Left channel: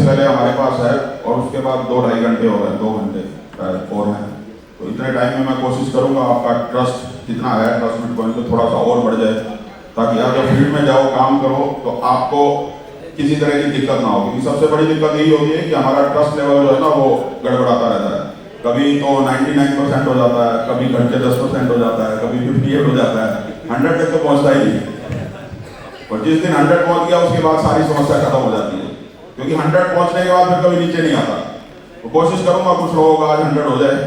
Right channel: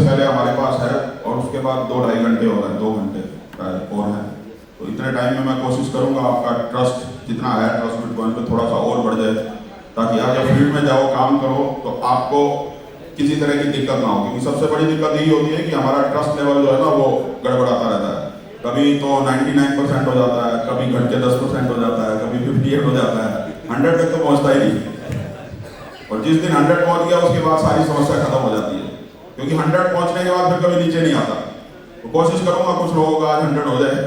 से पहले हमारे पास है और उसके बाद 2-2.5 घंटे हो रहे हैं, 2 घंटे और हैं। तो इतने टाइम में मैं कोशिश करूंगा आपका ट्रस्ट जितना है ट्रस्ट बिटकॉइन पे थोड़ा सा और बढ़ जाए, ताकि आप जब फील्ड में जाओ काम करो तो आपको किसी तरह की दिक्कत ना हो। क्योंकि सबसे बड़ी दिक्कत यही होती है कि हमारा ट्रस्ट लेवल जो है ना वो गड़बड़ाता रहता है। कभी तो 99% हो जाता है, कभी घट के 10% हो जाता है, कभी 58 हो जाता है, 100 तक तो पहुंचता ही नहीं। और जिस दिन 100 पहुंच गया उसके बाद सारी समस्या खत्म हो जाती है, क्योंकि 100 पहुंचने के बाद फिर कभी नीचे नहीं आता। तो कोशिश करूंगा कुछ लोगों का आज 100 हो जाए,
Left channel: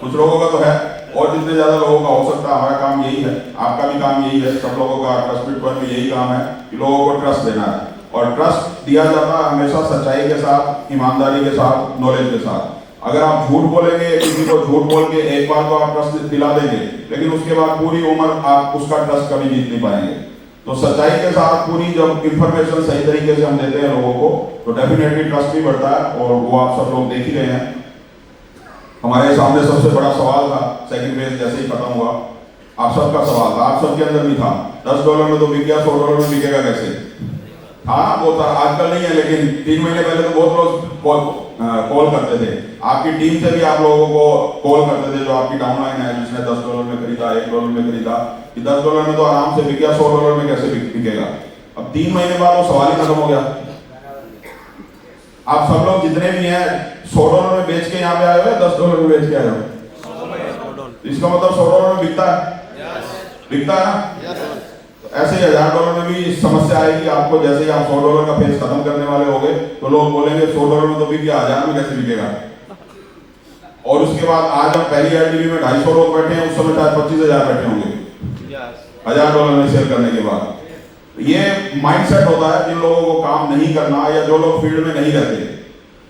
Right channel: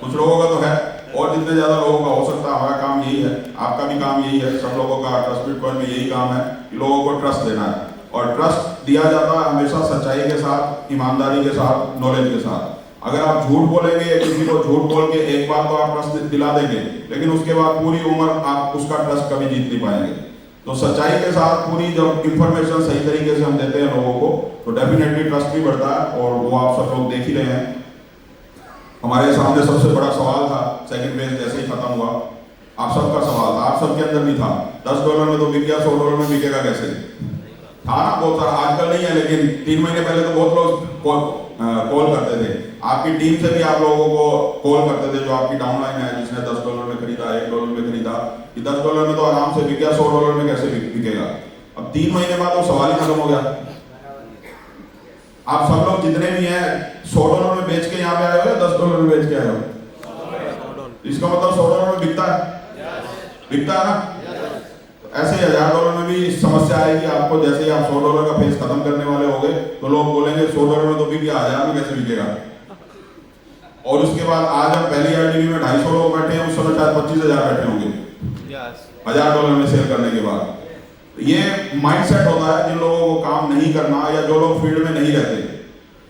कुछ लोगों का तो है, और जितने ज्यादा लोगों का हो सकता है। हमारा काम यही है, आपका भी काम यही है, सब लोगों का ट्रस्ट बिटकॉइन में यही काम है कि लोगों को ट्रस्ट देना है। और ट्रस्ट दिया जाता है हमेशा सच्चाई के साथ, ईमानदारी के साथ, नॉलेज के साथ। अगर आप झूठ बोलेंगे या किसी को झूठ बोल के एक बार तो आप ट्रस्ट दिला देंगे, लेकिन उसके बाद पूरी उम्र आप उसका ट्रस्ट कभी जीत नहीं पाएंगे। तो सच्चाई के साथ पूरी जब इंफॉर्मेशन सही तरीके से हम देते हैं लोगों को, तो डेफिनेटली ट्रस्ट भी बढ़ता है। और वो आप सब लोग देख ही रहे हैं। हमारे सामने सबसे बड़ा सवाल था सेकंड फेज जैसे ही खत्म हुआ, आप सबका सवाल था, आप सबके अंदर भी था, $10 में तो बिक गया, $100 में बिकेगा कैसे? हाँ वो था, आजकल नहीं है, लेकिन 3 महीने पहले तो बहुत लोग कॉल करते थे। आपकी टीम से भी आप लोगों को कॉल करते थे जो आपकी डाउनलाइन है, जिसने $10 में खरीदा, $1 में खरीदा, कि $10 में तो आराम से बिक गया, $100 में कैसे बिकेगा? अब 3 महीने बाद वो सवाल ही खत्म हो गया। आप सब लोग जितने भी हैं $100 में बेच के यहाँ पे आए हो, $10 में बेच के आए हो, इसका मतलब $100 में बिकता है, बिकता है ना? ऐसे ही $1000 में भी समस्या आएगी आपको। जैसे ही आप $100 का फेस खत्म करने वाले होंगे तो लोग बोलेंगे $100 में तो बिक गया, 1000 में कैसे बिकेगा? और उसके बाद आज हम पहली आईडीबी में 250 लोग बैठे हैं, उस समय शायद 25,000 बैठे होंगे $1000 में सेल करने के बाद। ये माइंडसेट होता है जिन लोगों को काम नहीं करना, या जो लोग फील्ड में नहीं रहते,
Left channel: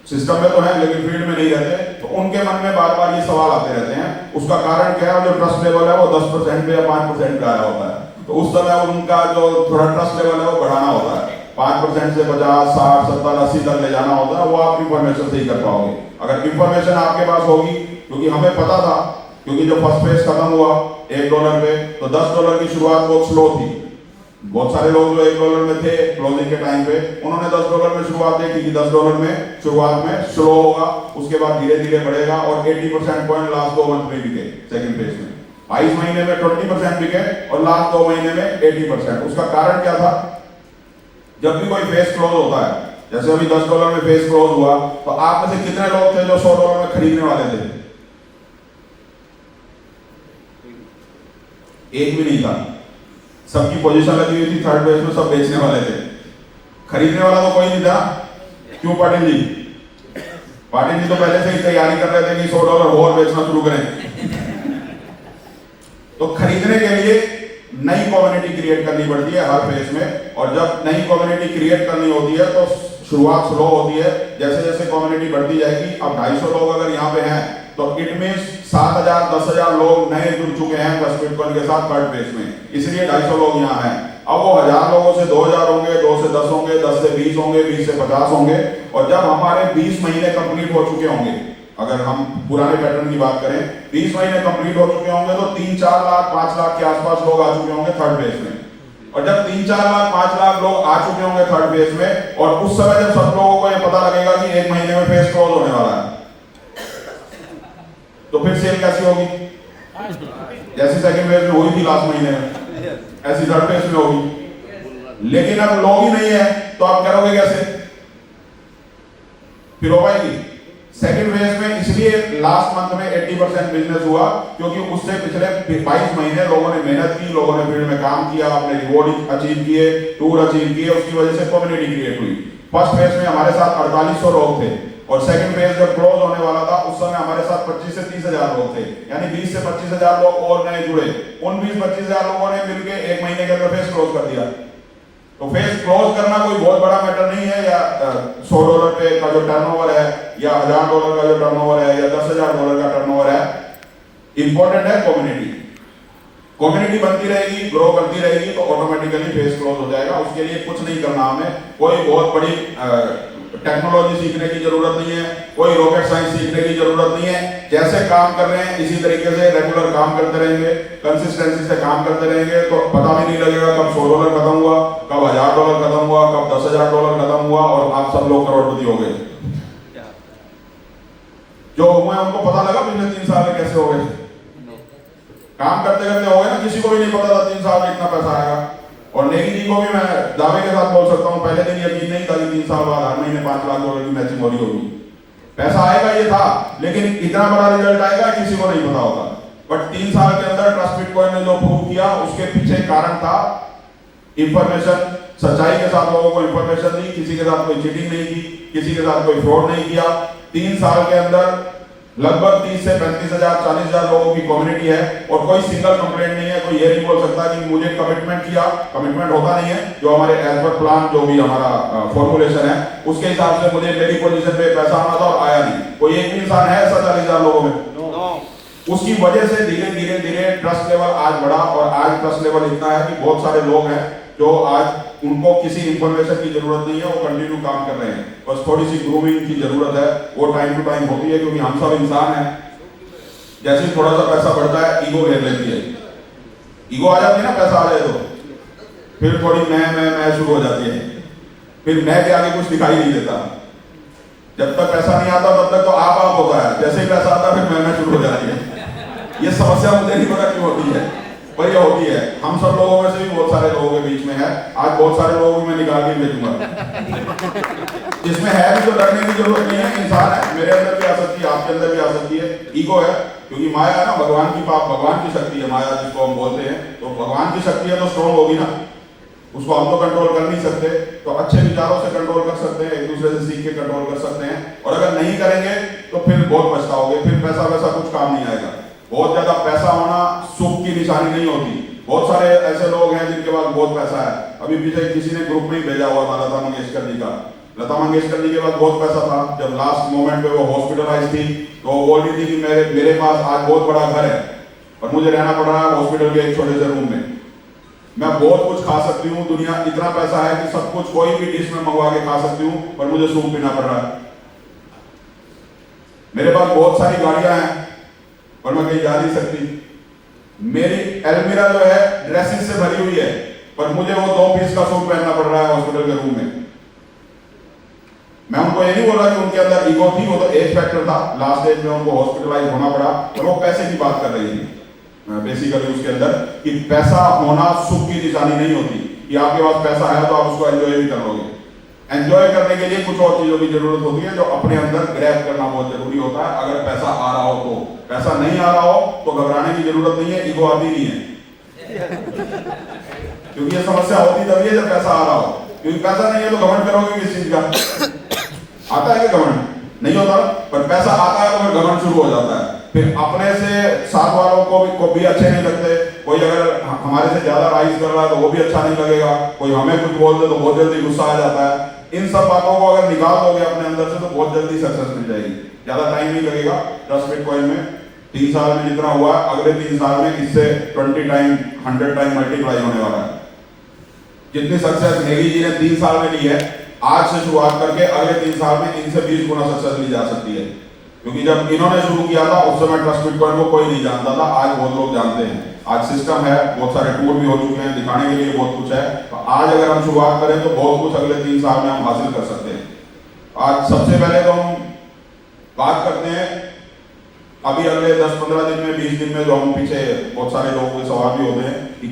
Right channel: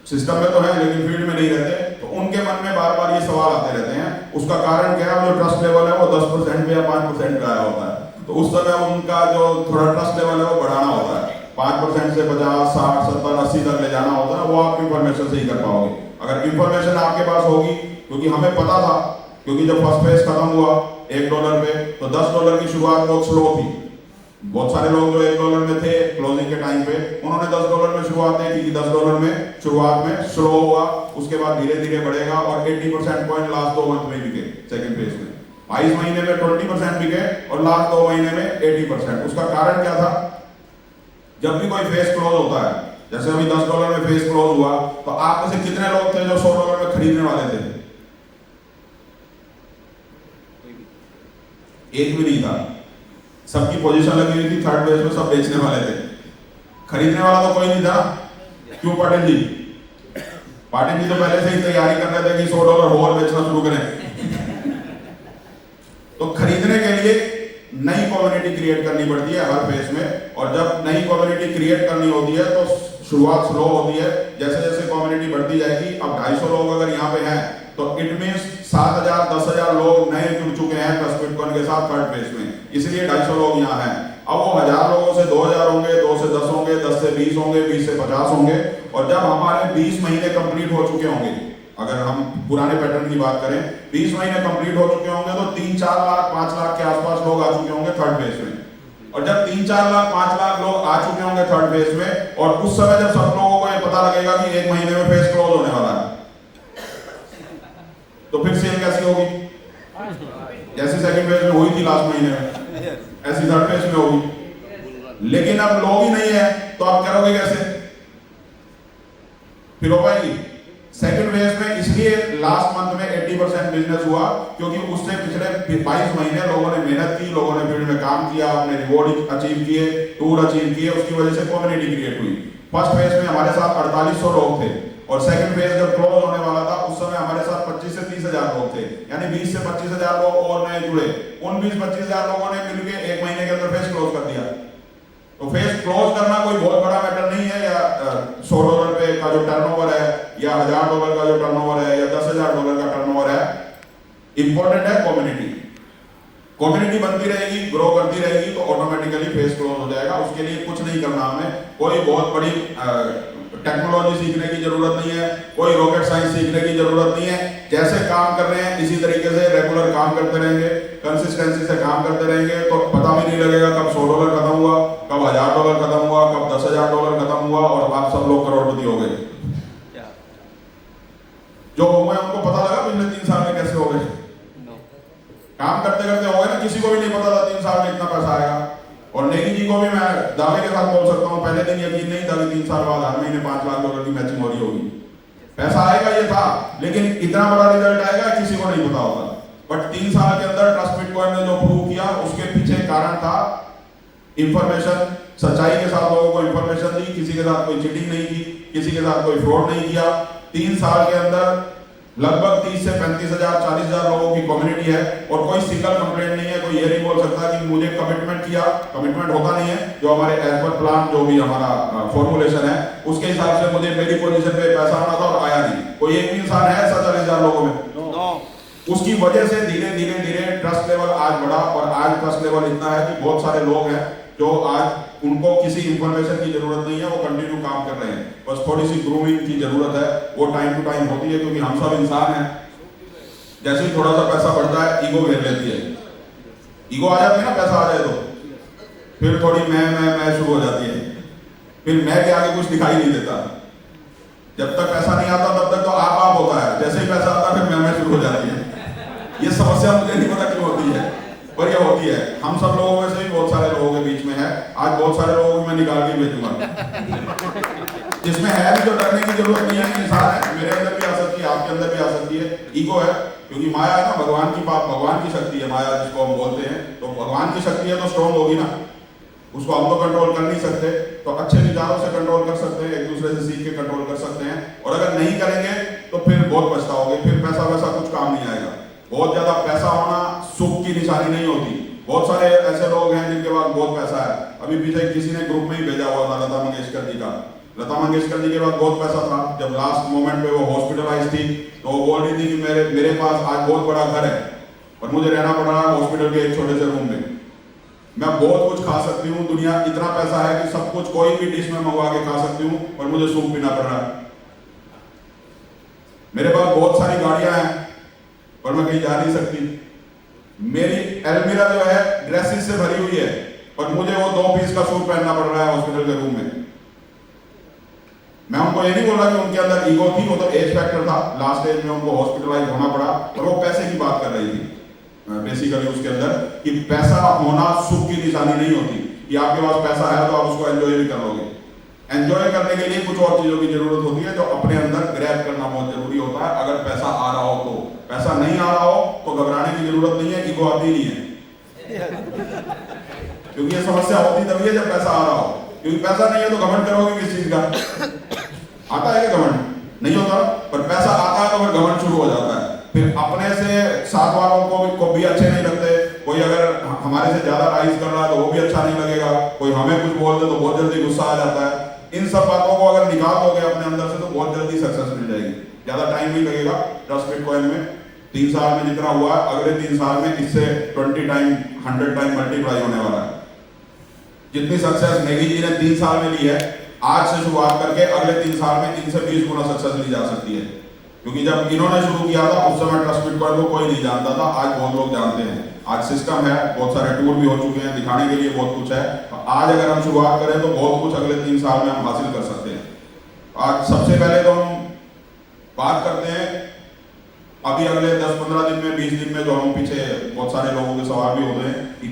सिस्टम में तो है लेकिन फील्ड में नहीं रहते, तो उनके मन में बार बार ये सवाल आते रहते हैं। उसका कारण क्या है? जो ट्रस्ट लेवल है वो 10% या 5% पे आया होता है, तो उस समय उनका जो थोड़ा ट्रस्ट लेवल है वो बढ़ाना होता है। 5% से 50, 60, 70, 80 तक ले जाना होता है, वो आप इंफॉर्मेशन से ही कर पाओगे। अगर इंफॉर्मेशन आपके पास होगी, क्योंकि हमें पता था, क्योंकि जब फर्स्ट फेज खत्म हुआ $1 पे, तो $10 की शुरुआत बहुत स्लो थी। बहुत सारे लोग जो $1 में थे क्लोजिंग के टाइम पे, उन्होंने $10 में शुरुआत देखी कि $10 में शुरुआत में स्लो होगा, उसके बाद धीरे धीरे बढ़ेगा, और 80% पॉइंट लास्ट 2 मंथ में बिके। सेकंड फेज में 22 महीने में 20% बिके और लास्ट 2 महीने में 80%। उसका कारण क्या था? जब भी कोई फेज क्लोज होता है, जैसे अभी $10 में फेज क्लोज हुआ, तो आप में से कितने लोग थे जो $100 में खरीदने वाले थे? एक भी नहीं था। सबकी पोजीशन लगी हुई थी थर्ड फेज में, सब बेचने वाले थे, खरीदने वाला तो कोई नहीं था। क्यों पाटिल जी? पाटिल जी तो पहले से ही तैयारी कर रहे थे कि $100 और बेचना शुरू करें। तो खरीदने के लिए नई कम्युनिटी क्रिएट करनी पड़ती है हर फेज में, और जब नई कम्युनिटी क्रिएट करनी होती है तो शुरुआत स्लो होती है। जैसे जैसे कम्युनिटी बढ़ती जाएगी, अब 250 लोग अगर यहाँ पे हैं तो इट मींस 7,000 10,000 लोग नए जुड़ चुके हैं ट्रस्ट बिटकॉइन के साथ थर्ड फेज में, इसलिए 250 लोग यहाँ हैं। अब वो 1000 लोगों से 2000 होंगे, 2 से 10 होंगे, 10 से 20 होंगे, 20 से 50 होंगे, और जब हमारे 20 महीने कंप्लीट हो चुके होंगे, अगर हम पुराने पैटर्न की बात करें, 20 महीने कंप्लीट हो चुके होंगे तो 3-4 लाख 5 लाख के आसपास लोग आ चुके होंगे थर्ड फेज में। और जब 3-4 लाख 5 लाख लोग आ चुके होंगे थर्ड फेज में, और उस समय जब सब लोगों को ये पता लगेगा कि 1 महीने में फेज क्लोज होने वाला है, तो फिर सेल कैसी होगी? जैसे सेकंड फेज में हुई थी लास्ट महीने में, ऐसी थर्ड फेज में होगी। लेकिन अब लोग ही नहीं है, तो आप करोगे कैसे? फिर हो पाएगी? सेकंड फेज में इसलिए लास्ट मंथ में 80% बिजनेस हुआ, क्योंकि उससे पिछले 22 महीने लोगों ने मेहनत की, लोगों ने फील्ड में काम किया, अपने रिवॉर्ड अचीव किए, टूर अचीव किए, उसकी वजह से कम्युनिटी क्रिएट हुई। फर्स्ट फेज में हमारे साथ 4800 लोग थे, और सेकंड फेज जब क्लोज होने वाला था उस समय हमारे साथ 25 से 30,000 लोग थे, यानी 20 से 25,000 लोग और नए जुड़े। उन 20-25,000 लोगों ने मिलकर 1 महीने के अंदर फेज क्लोज कर दिया। तो फेज क्लोज करना कोई बहुत बड़ा मैटर नहीं है, या $100 पे का जो टर्नओवर है, या $1000 का जो टर्नओवर है, या $10,000 का टर्नओवर है। इंपॉर्टेंट है कम्युनिटी। कम्युनिटी बनती रहेगी, ग्रो करती रहेगी, तो ऑटोमेटिकली फेज क्लोज हो जाएगा। उसके लिए कुछ नहीं करना, हमें कोई बहुत बड़ी टेक्नोलॉजी सीखने की जरूरत नहीं है, कोई रॉकेट साइंस सीखने की जरूरत नहीं है। जैसे काम कर रहे हैं इसी तरीके से रेगुलर काम करते रहेंगे, कंसिस्टेंसी से काम करते रहेंगे, तो पता भी नहीं लगेगा कब $100 खत्म हुआ, कब $1000 खत्म हुआ, कब $10,000 खत्म हुआ और आप सब लोग करोड़पति हो गए। जो हुए उनको पता लगा पिछले 3 साल में कैसे हो गए? काम करते करते हो गए ना, किसी को भी नहीं पता था 3 साल में इतना पैसा आएगा। और नेगी जी को भी मैं दावे के साथ बोल सकता हूँ, पहले दिन यकीन नहीं था कि 3 साल बाद हर महीने 5 लाख डॉलर की मैचिंग हो रही होगी। पैसा आएगा ये था, लेकिन इतना बड़ा रिजल्ट आएगा किसी को नहीं पता होगा। बट 3 साल के अंदर ट्रस्ट बिटकॉइन ने जो प्रूव किया, उसके पीछे कारण था इंफॉर्मेशन, सच्चाई के साथ लोगों को इंफॉर्मेशन दी, किसी के साथ कोई चीटिंग नहीं की, किसी के साथ कोई फ्रॉड नहीं किया। 3 साल के अंदर लगभग 30 से 35,000 40,000 लोगों की कम्युनिटी है और कोई सिंगल कंप्लेंट नहीं है। कोई ये नहीं बोल सकता कि मुझे कमिटमेंट किया, कमिटमेंट होता नहीं है। जो हमारे एज पर प्लान जो भी हमारा फॉर्मुलेशन है उसके हिसाब से मुझे मेरी पोजीशन पे पैसा आना था और आया नहीं। कोई एक भी इंसान है ऐसा 40,000 लोगों में? उसकी वजह से धीरे धीरे धीरे ट्रस्ट लेवल आज बढ़ा और आज ट्रस्ट लेवल इतना है कि बहुत सारे लोग हैं जो आज उनको किसी इंफॉर्मेशन की जरूरत नहीं है, वो कंटिन्यू काम कर रहे हैं। बस थोड़ी सी ग्रूमिंग की जरूरत है, वो टाइम टू टाइम होती है, क्योंकि हम सब इंसान हैं। जैसे ही थोड़ा सा पैसा बढ़ता है ईगो घेर लेती है, ईगो आ जाती है ना, पैसा आ जाए तो फिर थोड़ी मैं शुरू हो जाती है, फिर मैं के आगे कुछ दिखाई नहीं देता। जब तक पैसा नहीं आता तब तक तो आप होता है, जैसे ही पैसा आता है फिर मैं शुरू हो जाती है। ये समस्या मुझे नहीं पता क्यों होती है, पर ये होती है। हम सब लोगों में से भी बहुत सारे लोगों के बीच में है। आज बहुत सारे लोगों को मैं निकाल के भेजूंगा जिसमें है भी, तो डरने की जरूरत नहीं है। इंसान है, मेरे अंदर भी आ सकती है, आपके अंदर भी आ सकती है। ईगो है, क्योंकि माया है ना, भगवान की पाप, भगवान की शक्ति है माया, जिसको हम बोलते हैं। तो भगवान की शक्ति है तो स्ट्रॉन्ग होगी ना, उसको हम तो कंट्रोल कर नहीं सकते। तो अच्छे विचारों से कंट्रोल कर सकते हैं, एक दूसरे से सीख के कंट्रोल कर सकते हैं। और अगर नहीं करेंगे तो फिर बहुत पछताओगे, फिर पैसा वैसा कुछ काम नहीं आएगा। बहुत ज्यादा पैसा होना सुख की निशानी नहीं होती। बहुत सारे ऐसे लोग हैं जिनके पास बहुत पैसा है। अभी पीछे किसी ने ग्रुप में ही भेजा हुआ था लता मंगेशकर जी का। लता मंगेशकर जी के पास बहुत पैसा था, जब लास्ट मोमेंट पे वो हॉस्पिटलाइज थी तो वो बोल रही थी कि मेरे पास आज बहुत बड़ा घर है और मुझे रहना पड़ रहा है हॉस्पिटल के एक छोटे से रूम में। मैं बहुत कुछ खा सकती हूँ, दुनिया इतना पैसा है कि सब कुछ कोई भी डिश में मंगवा के खा सकती हूँ, पर मुझे सूप पीना पड़ रहा है। मेरे पास बहुत सारी गाड़ियां हैं पर मैं कहीं जा नहीं सकती। मेरी एलमीरा जो है ड्रेसेस से भरी हुई है, पर मुझे वो 2 पीस का सूट पहनना पड़ रहा है हॉस्पिटल के रूम में। मैं उनको ये नहीं बोल रहा कि उनके अंदर ईगो थी, वो तो एज फैक्टर था। लास्ट एज में उनको हॉस्पिटलाइज होना पड़ा, तो वो पैसे की बात कर रही थी बेसिकली उसके अंदर, कि पैसा होना सुख की निशानी नहीं होती कि आपके पास पैसा है तो आप उसको एंजॉय भी कर लोगे। एंजॉय करने के लिए कुछ और चीजों की जरूरत होती है जो अपने अंदर ग्रैब करना बहुत जरूरी होता है। अगर पैसा आ रहा हो तो, पैसा नहीं आ रहा हो तो घबराने की जरूरत नहीं है, ईगो आती नहीं है। क्योंकि ये समस्या होती तभी है जब पैसा आ रहा हो, क्योंकि पैसा नहीं है तो घमंड करोगे किस चीज का? आता है घमंड नहीं होता, पर पैसा आता है तो फिर घमंड शुरू हो जाता है। फिर अपने से साथ वालों को भी अच्छे नहीं लगते। कोई अगर हमारे से ज्यादा राइज कर रहा है तो वो भी अच्छा नहीं लगेगा। कोई हमें कुछ बोल दे तो बहुत जल्दी गुस्सा आ जाता है। इन सब बातों को अगर निकाल दोगे अपने अंदर से तो बहुत जल्दी सक्सेस मिल जाएगी, ज्यादा टाइम नहीं लगेगा। ट्रस्ट बिटकॉइन में 3 साल में जितना हुआ, अगले 3 साल में इससे 20 टाइम 100 टाइम मल्टीप्लाई होने वाला है। जितनी सक्सेस नेगी जी ने 3 साल में ली है, आज से शुरुआत करके अगले 3 साल में इनसे 20 गुना सक्सेस ली जा सकती है। क्योंकि जब इन्होंने शुरू किया था उस समय ट्रस्ट बिटकॉइन को कोई नहीं जानता था, आज बहुत लोग जानते हैं। आज सिस्टम है, बहुत सारे टूल भी हो चुके हैं, दिखाने के लिए बहुत कुछ है। तो आज अगर हम शुरुआत करें तो बहुत कुछ अगले 3 साल में हम हासिल कर सकते हैं। आज सबसे पहले तो हम बात करते हैं अभी अगले 10-15 दिन में, 20 दिन में, जो हम पीछे बहुत सारे लोगों के सवाल भी होते हैं कि